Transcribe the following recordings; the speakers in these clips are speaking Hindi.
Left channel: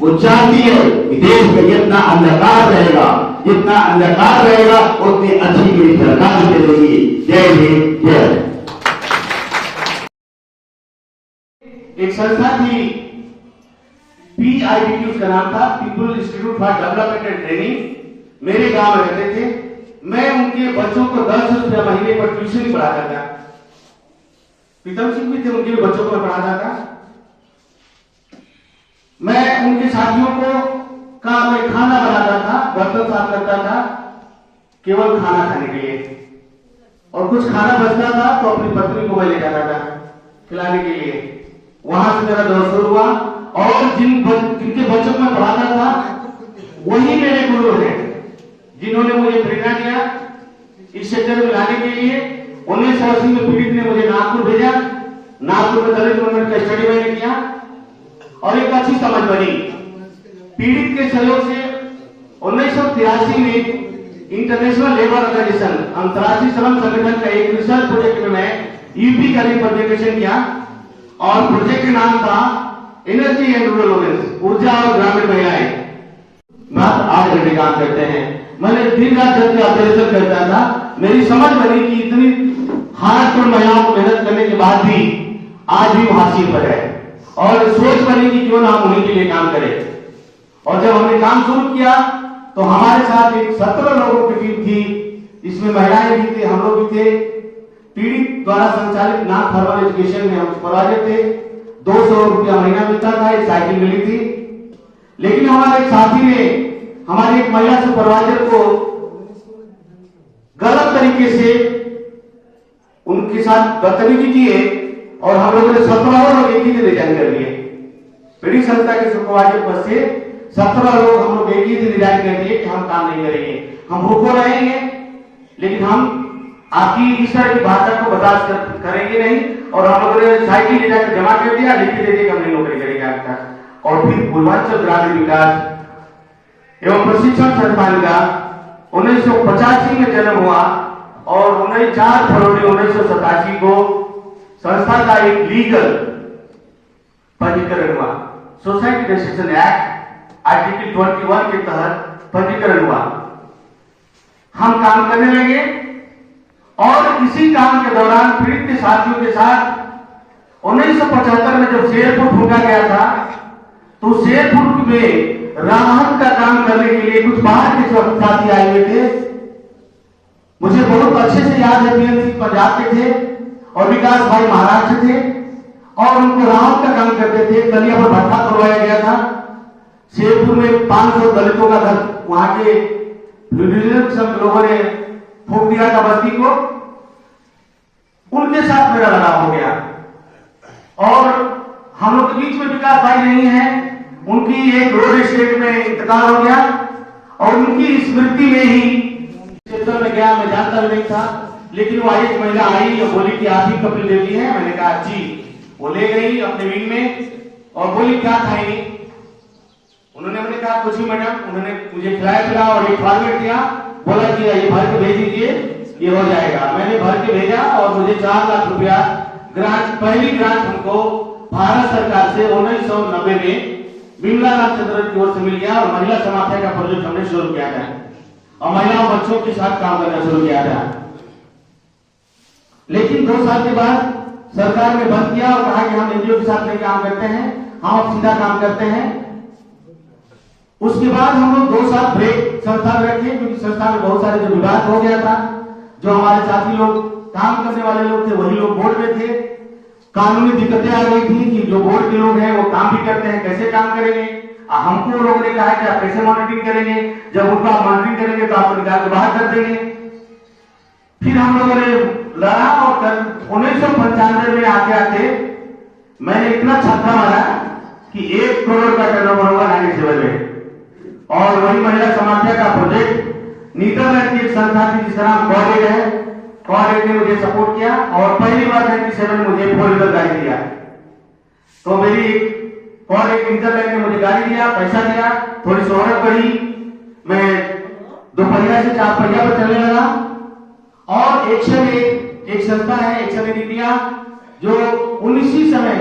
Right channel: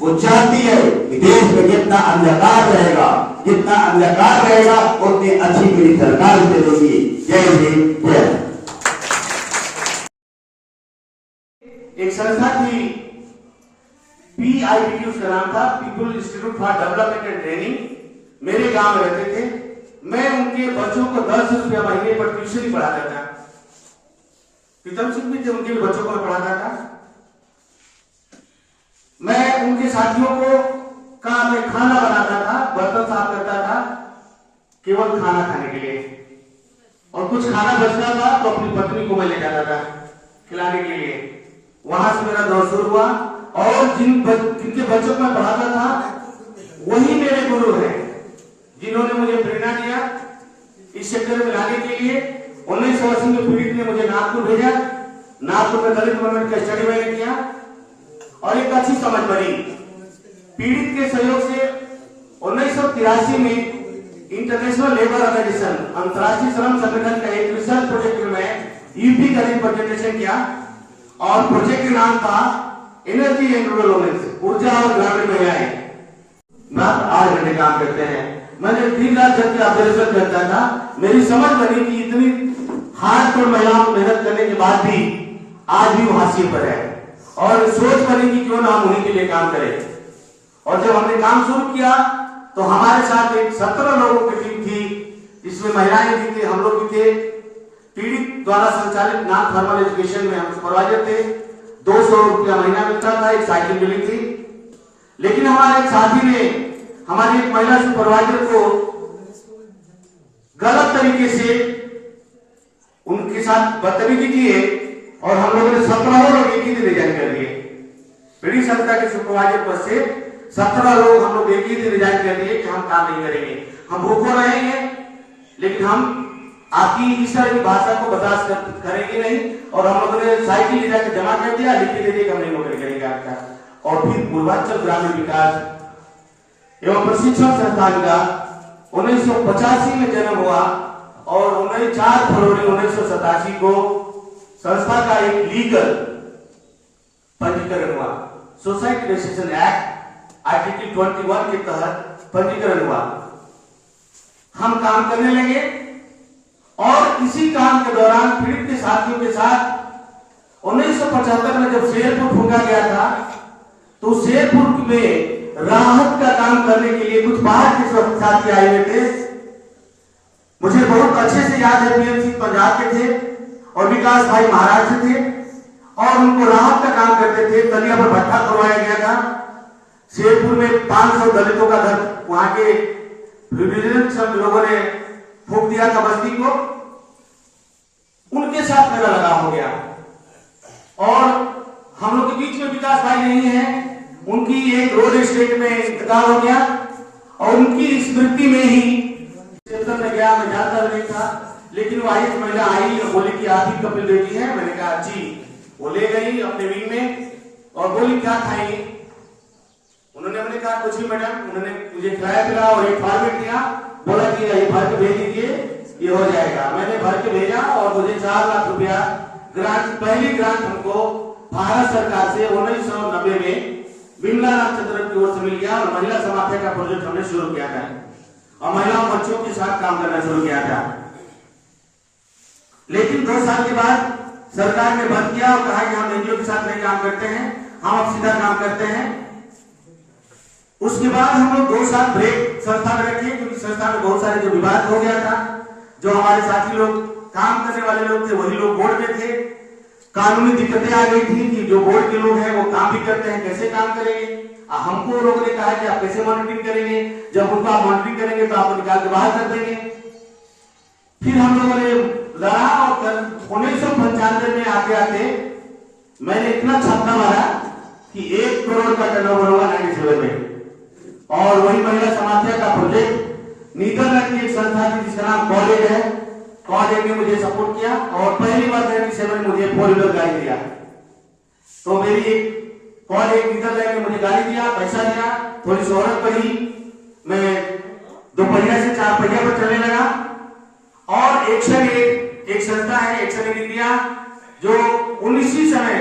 वो चाहती है कि देश में जितना अंधकार रहेगा उतनी अच्छी मेरी सरकार चलेगी। जय हिंद, जय। एक संस्था थी, PIDT उसका नाम था, people institute for development and training. मेरे गांव में रहते थे। मैं उनके बच्चों को 10 रुपया महीने पर ट्यूशन पढ़ाता था। प्रीतम सिंह भी थे, उनके भी बच्चों को मैं पढ़ाता था। मैं उनके साथियों को मैं खाना बनाता था, बर्तन साफ करता था, केवल खाना खाने के लिए। और कुछ खाना बचता था तो अपनी पत्नी को मैं ले जाता था खिलाने के लिए। वहां से मेरा दौर शुरू हुआ और जिनके बच्चों को मैं पढ़ाता था वही मेरे गुरु हैं, जिन्होंने मुझे प्रेरणा दिया इस क्षेत्र में लाने के लिए। 1980 में पीड़ित ने मुझे नागपुर भेजा। नागपुर में दलित मूवमेंट का स्टडी मैंने किया और एक अच्छी समझ बनी। पीड़ित के सहयोग से 1983 में इंटरनेशनल लेबर ऑर्गेनाइजेशन, अंतर्राष्ट्रीय श्रम संगठन का एक रिसर्च प्रोजेक्ट में मैं यूपी का प्रेजेंटेशन किया और प्रोजेक्ट का नाम था एनर्जी एंड रूरल वुमेन्स, ऊर्जा और ग्रामीण महिलाएं मात्र 8 घंटे काम करते हैं। मैंने दिन रात जब के ऑब्जर्वेशन करता था, मेरी समझ बनी कि इतनी हार्डकोर महिलाओं को मेहनत करने के बाद भी आज भी वो हासिल पर है और सोच बनी कि क्यों ना हम उन्हीं के लिए काम करें। और जब हमने काम शुरू किया तो हमारे साथ एक 17 लोगों की टीम थी, इसमें महिलाएं भी थे, हम लोग भी थे। पीड़ित द्वारा संचालित नॉन फॉर्मल एजुकेशन में हम सुपरवाइजर थे। 200 रुपया महीना मिलता था, एक साइकिल मिली थी। लेकिन हमारे एक साथी ने हमारी एक महिला सुपरवाइजर को गलत तरीके से उनके साथ बदतमीजी की है और हम लोगों ने 17 लोग एक ही दिन रिजाइन कर दिए। पीड़ित संस्था के सुपरवाइजर पद से 17 लोग हम लोग एक ही दिन रिजाइन कर दिए कि हम काम नहीं करेंगे, हम भूखों रहेंगे, लेकिन हम आपकी इस तरह की भाषा को बर्दाश्त करेंगे नहीं। और हम लोगों ने साइकिल ले जाकर जमा कर दिया, लिख के दे दिया, हम नहीं नौकरी करेंगे आपका। और फिर पूर्वांचल ग्रामीण विकास एवं प्रशिक्षण संस्थान का 1985 में जन्म हुआ और 4 फरवरी 1987 को संस्था का एक लीगल पंजीकरण हुआ। सोसाइटी रजिस्ट्रेशन एक्ट आर्टिकल 21 के तहत पंजीकरण हुआ। हम काम करने लगे और इसी काम के दौरान पीड़ित के साथियों के साथ 1975 में जब शेरपुर फूंका गया था तो शेरपुर में राहत का काम करने के लिए कुछ बाहर के साथी आए हुए थे। मुझे बहुत अच्छे से याद है, PMC पंजाब के थे और विकास भाई महाराष्ट्र थे और उनको राहत का काम करते थे। कलिया पर भट्टा खुलवाया गया था। शेरपुर में 500 दलितों का घर वहां के लोगों ने फूंक दिया था बस्ती को। उनके साथ मेरा लगाव हो गया और हम लोग के बीच में विकास भाई नहीं है, उनकी एक रोड स्टेट में इंतकाल हो गया और उनकी स्मृति में ही क्षेत्र में गया। मैं जानता भी नहीं था, लेकिन वो एक महिला आई और बोली कि आप ही कपिल देवी है। मैंने कहा जी। वो ले गई अपने विंग में और बोली क्या खाएंगी। उन्होंने, मैंने कहा कुछ भी मैडम। उन्होंने मुझे खिलाया पिलाया और एक फॉर्मेट दिया, बोला कि ये भर के भेज दीजिए, ये हो जाएगा। मैंने भर के भेजा और मुझे 4 लाख रुपया ग्रांट, पहली ग्रांट हमको भारत सरकार से 1990 में बिमला रामचंद्रन की ओर से मिल गया और महिला समाख्या का प्रोजेक्ट हमने शुरू किया था और महिलाओं बच्चों के साथ काम करना शुरू किया था। लेकिन 2 साल के बाद सरकार ने बंद किया और कहा कि हम एनजीओ के साथ नहीं काम करते हैं, हम अब सीधा काम करते हैं। उसके बाद हम लोग 2 साल ब्रेक संस्था में रखे क्योंकि संस्था में बहुत सारे जो विवाद हो गया था। जो हमारे साथी लोग काम करने वाले लोग थे वही लोग बोर्ड में थे। कानूनी दिक्कतें आ गई थी कि जो बोर्ड के लोग हैं वो काम भी करते हैं, कैसे काम करेंगे। हमको लोगों ने कहा कि आप कैसे मॉनिटरिंग करेंगे, जब उनको आप मॉनिटरिंग करेंगे तो आप निकाल के बाहर कर देंगे। फिर हम लोगों ने लड़ा और 1995 में आते मैंने इतना छक्का मारा कि 1 करोड़ का टर्नओवर हुआ 97 में। और वही महिला समाख्या का प्रोजेक्ट नीदरलैंड की एक संस्था थी जिसका नाम कॉडेड है। कॉडेड ने मुझे सपोर्ट किया और पहली बार 97 में मुझे 4 व्हीलर गाड़ी दिया। तो मेरी कॉडेड नीदरलैंड ने मुझे गाड़ी दिया, पैसा दिया, थोड़ी शोहरत बढ़ी, मैं 2 पहिया से 4 पहिया पर चलने लगा। और एक्शन एक संस्था है एक्शन एड इंडिया जो 19 समय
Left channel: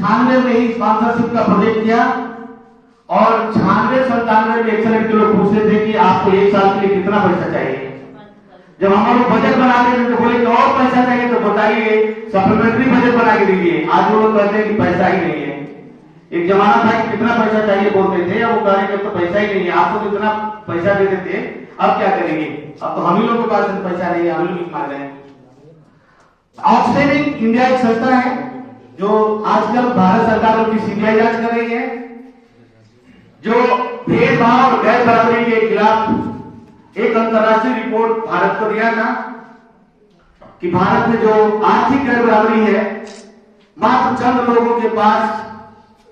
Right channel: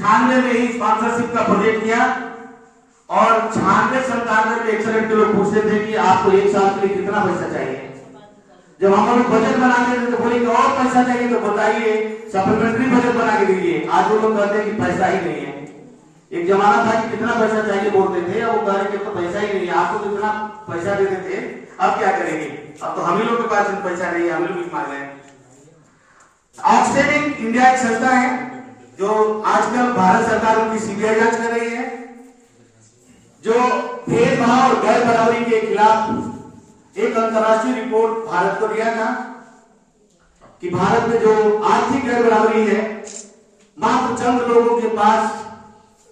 96 में ही स्पॉन्सरशिप का प्रोजेक्ट किया और 96-97 में एक्सलेंट के लोग पूछते थे कि आपको एक साल के लिए कितना पैसा चाहिए। जब हम लोग बजट बनाते थे तो बोले कि और पैसा चाहिए तो बताइए, सप्लीमेंट्री बजट बना के दीजिए। आज वो लोग कहते हैं कि पैसा ही नहीं है। एक जमाना था कि कितना पैसा चाहिए बोलते थे, अब वो कह रहे कि तो पैसा ही नहीं है। आपको तो इतना पैसा देते थे, अब क्या करेंगे? अब तो हम ही लोग के पास पैसा नहीं है, हम ही लोग मांग रहे हैं। ऑक्सफैम इंडिया एक संस्था है जो आजकल भारत सरकार उनकी सीबीआई जांच कर रही है, जो भेदभाव और गैर बराबरी के खिलाफ एक अंतरराष्ट्रीय रिपोर्ट भारत को दिया था कि भारत में जो आर्थिक गैर बराबरी है, मात्र चंद लोगों के पास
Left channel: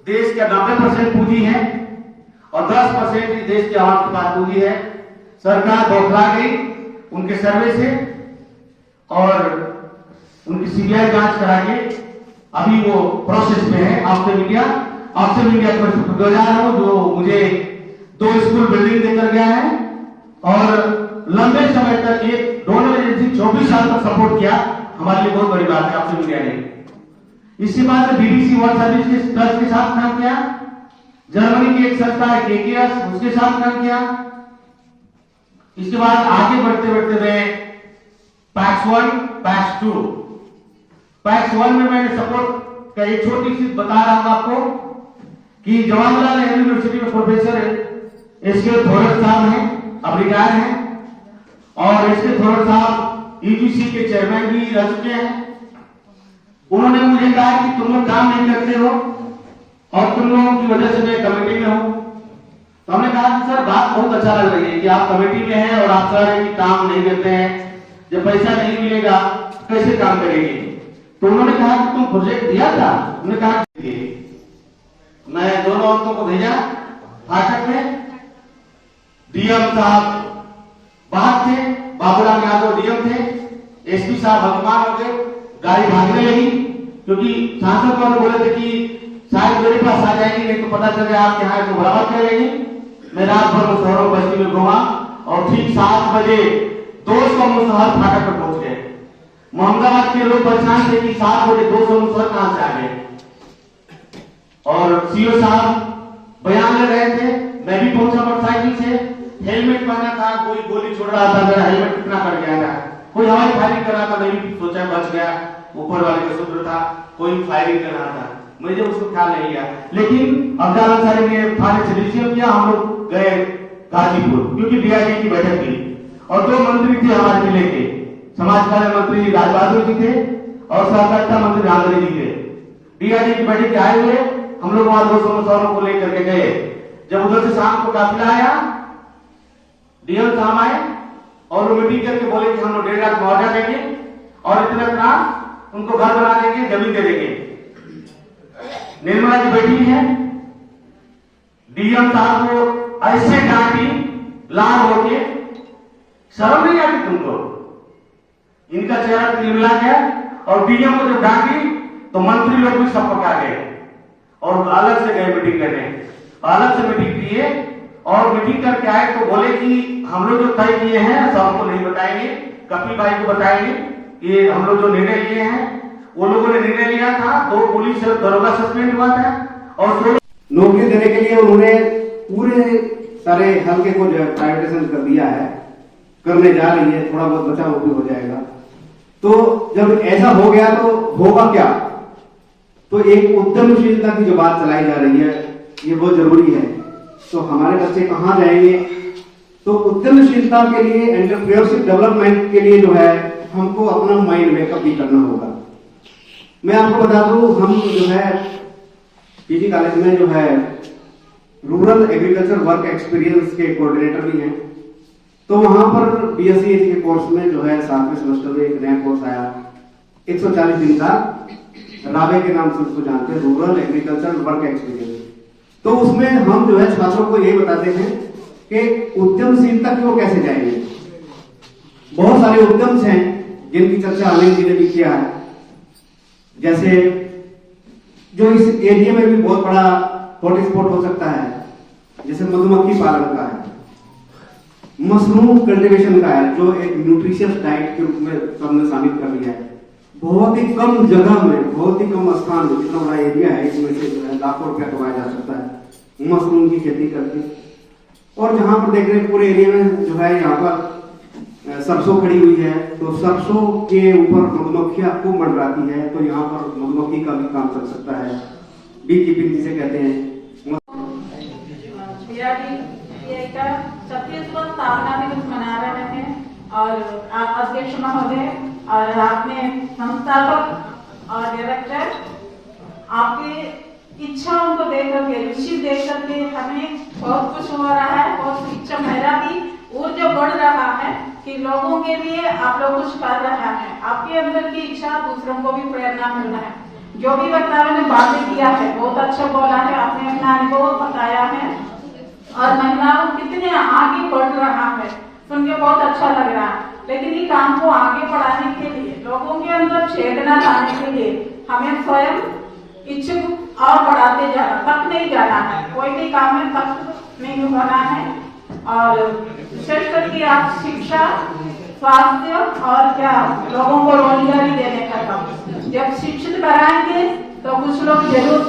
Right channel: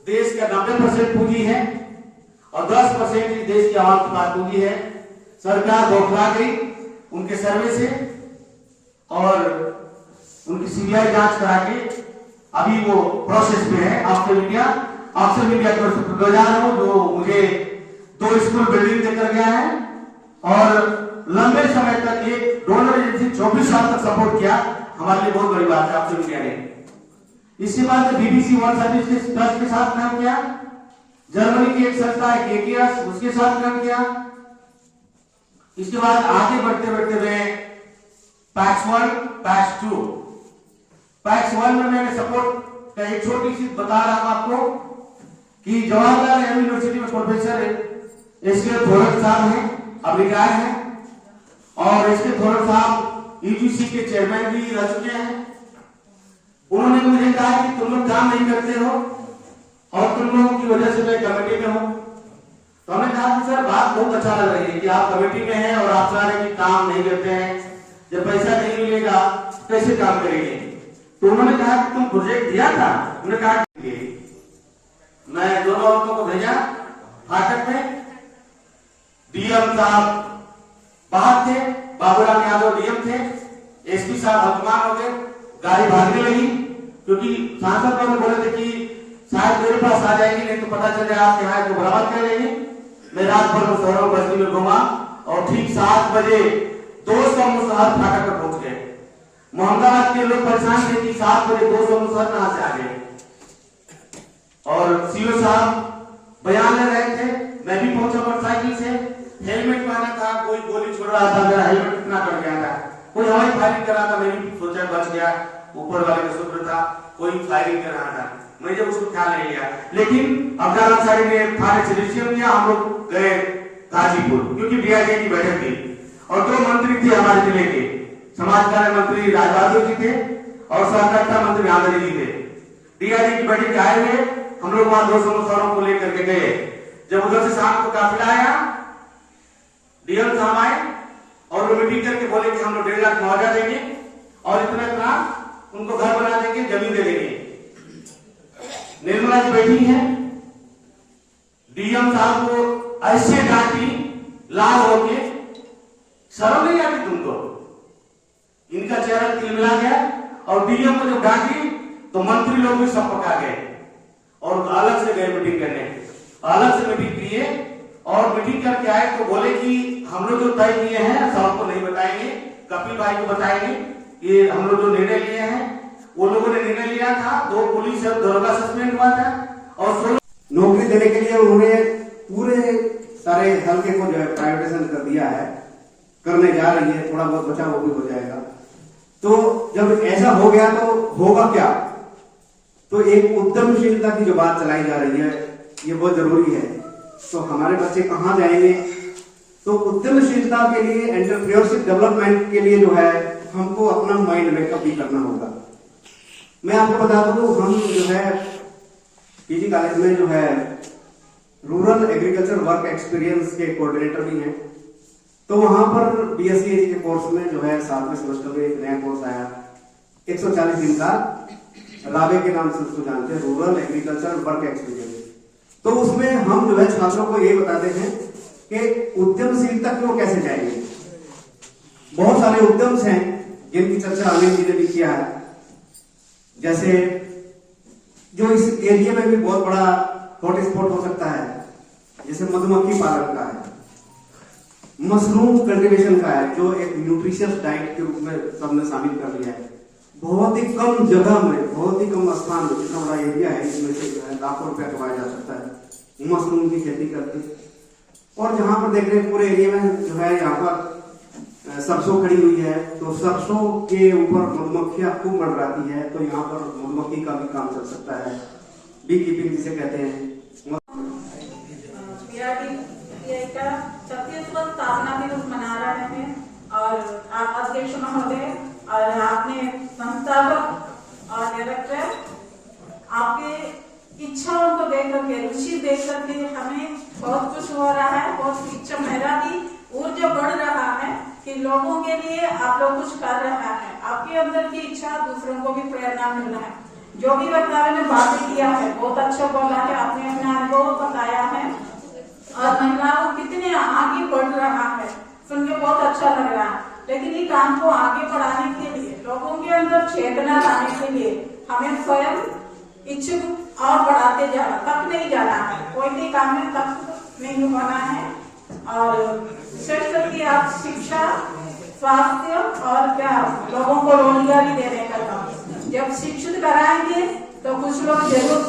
देश का 90% पूंजी है और 10% ही देश के आवाम के पास पूंजी है। सरकार बौखला गई उनके सर्वे से और उनकी सीबीआई जांच करा के अभी वो प्रोसेस में है। ऑक्सफैम इंडिया को जा रहा हूं, जो मुझे 2 स्कूल बिल्डिंग देकर गया है और लंबे समय तक एक डोनर एजेंसी 24 साल तक सपोर्ट किया। हमारे लिए बहुत बड़ी बात है ऑक्सफैम इंडिया ने। इसके बाद बीबीसी वर्ल्ड सर्विस ट्रस्ट के साथ काम किया, जर्मनी की एक संस्था है केकेएस, उसके साथ काम किया। इसके बाद आगे बढ़ते बढ़ते मैं पैक्स 1 पैक्स 2 पैक्स 1 में मैंने सपोर्ट का एक छोटी सी बता रहा हूं आपको कि जवाहरलाल नेहरू यूनिवर्सिटी में प्रोफेसर एसके थोरट साहब हैं, अब रिटायर हैं, और एसके थोरट साहब यूजीसी के चेयरमैन भी रह चुके हैं। उन्होंने मुझे कहा कि तुम लोग काम नहीं करते हो और तुम लोगों की वजह से मैं कमेटी में हूं। तो हमने कहा कि सर बात बहुत अच्छा लग रही है कि आप कमेटी में हैं और आप कह रहे हैं कि काम नहीं करते हैं, जब पैसा नहीं मिलेगा कैसे काम करेंगे? तो उन्होंने कहा कि तुम प्रोजेक्ट दिया था। उन्होंने कहा मैं दोनों औरतों को भेजा फाटक में, डीएम साहब बाहर थे, बाबूराम यादव डीएम थे, एसपी साहब हकमान हो गए, गाड़ी भागने लगी क्योंकि सांसद को बोले थे कि शायद मेरे पास आ जाएगी, नहीं तो पता चल जाए आपके यहाँ तो बराबर कर लेंगे। मैं रात भर मुसहरों बस्ती में घुमा और ठीक 7 बजे 200 मुसहर फाटक पर पहुंच गए। मोहम्मदाबाद के लोग परेशान थे कि 7 बजे 200 मुसहर कहां से आ गए, और सीओ साहब बयान ले रहे थे। मैं भी पहुंचा मोटरसाइकिल से, हेलमेट पहना था, कोई गोली छोड़ रहा था, मेरा हेलमेट कितना कट गया था, कोई हवाई फायरिंग कर रहा था, मैं भी सोचा बच गया, ऊपर वाले का शुक्र था, कोई फायरिंग कर रहा था, मुझे उसको ख्याल नहीं लिया। लेकिन अब्दुल अंसारी ने थाने से रिसीव किया, हम लोग गए गाजीपुर क्योंकि डीआईजी की बैठक थी और 2 मंत्री थे हमारे जिले के, समाज कल्याण मंत्री राजबहादुर जी थे और सहकारिता मंत्री रामधरी जी थे। डीआईजी की बैठक आए हुए हम लोग वहां 200 मुसहरों को लेकर के गए। जब उधर से शाम को काफिला आया, डीएम साहब आए और वो मीटिंग करके बोले कि हम लोग 1.5 लाख मुआवजा देंगे और इतना उनको घर बना देंगे, जमीन दे देंगे। निर्मला जी बैठी है, डीएम साहब को ऐसे डांटी लाल होके, शर्म नहीं आती तुमको? इनका चेहरा तिलमिला गया और डीएम को जब डांटी तो मंत्री लोग भी सब पकड़ गए और अलग से गए मीटिंग करने, अलग से मीटिंग किए और मीटिंग करके आए तो बोले कि हम लोग जो तय किए हैं सबको नहीं बताएंगे, कपिल भाई को बताएंगे कि हम लोग जो निर्णय लिए हैं। वो लोगों ने निर्णय लिया था, 2 पुलिस और दरोगा सस्पेंड हुआ था और 16 नौकरी देने के लिए उन्होंने पूरे सारे हल्के को जो है प्राइवेटाइजेशन कर दिया है, करने जा रही है, थोड़ा बहुत बचा वो भी हो जाएगा। तो जब ऐसा हो गया तो होगा क्या? तो एक उद्यमशीलता की जो बात चलाई जा रही है ये बहुत जरूरी है। तो हमारे बच्चे कहाँ जाएंगे? तो उद्यमशीलता के लिए, एंटरप्रेन्योरशिप डेवलपमेंट के लिए जो है हमको अपना माइंड मेकअप भी करना होगा। मैं आपको बता दूं, हम जो है पीजी कॉलेज में जो है रूरल एग्रीकल्चर वर्क एक्सपीरियंस के कोऑर्डिनेटर भी हैं। तो वहां पर बीएससी के कोर्स में जो है 7वें सेमेस्टर में एक नया कोर्स आया 140 दिन का, राबे के नाम से उसको जानते हैं, रूरल एग्रीकल्चर वर्क एक्सपीरियंस। तो उसमें हम जो है छात्रों को ये बताते हैं कि उद्यमशीलता की ओर कैसे जाएंगे। बहुत सारे उद्यम हैं जिनकी चर्चा अनिल जी ने भी किया है, जैसे जो इस एरिया में भी बहुत बड़ा हॉटस्पॉट हो सकता है, जैसे मधुमक्खी पालन का है, मशरूम कल्टीवेशन का है, जो एक न्यूट्रिशियस डाइट के रूप में सबने शामिल कर लिया है। बहुत ही कम जगह में, बहुत ही कम स्थान में, जितना बड़ा एरिया है, इसमें से जो है लाखों रुपया कमाया जा सकता है। मशरूम की खेती करके। और जहां पर देख रहे हैं पूरे एरिया में जो है यहाँ पर सरसों खड़ी हुई है, तो सरसों के ऊपर मधुमक्खियां खूब मंडराती है, तो यहाँ पर मधुमक्खी का भी काम चल सकता है, बी कीपिंग जिसे कहते हैं। छत्तीसगढ़ स्थापना दिवस मना रहे हैं और आप अध्यक्ष महोदय और आपने संस्थापक और डायरेक्टर आपकी इच्छाओं को देख करके, रुचि देख करके हमें बहुत कुछ हो रहा है। बहुत इच्छा मेरा भी ऊर्जा बढ़ रहा है कि लोगों के लिए आप लोग कुछ कर रहा है। आपके अंदर की इच्छा दूसरों को भी प्रेरणा मिल रहा है। जो भी वक्ताओं ने बातें किया है बहुत अच्छा बोला है, आपने अपना अनुभव बताया है और महिलाओं कितने आगे बढ़ रहा है सुन के बहुत अच्छा लग रहा है। लेकिन ये काम को आगे बढ़ाने के लिए, लोगों के अंदर चेतना लाने के लिए हमें स्वयं इच्छुक और बढ़ाते जाना, तक नहीं जाना है। कोई भी काम में तक नहीं होना है। और विशेष करके आप शिक्षा, स्वास्थ्य और क्या लोगों को रोजगारी देने का काम, जब शिक्षित कराएंगे तो कुछ लोग जरूर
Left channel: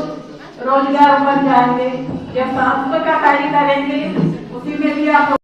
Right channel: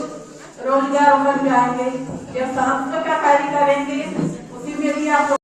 रोजगार बन जाएंगे। जब स्वास्थ्य का कार्य करेंगे उसी में भी आप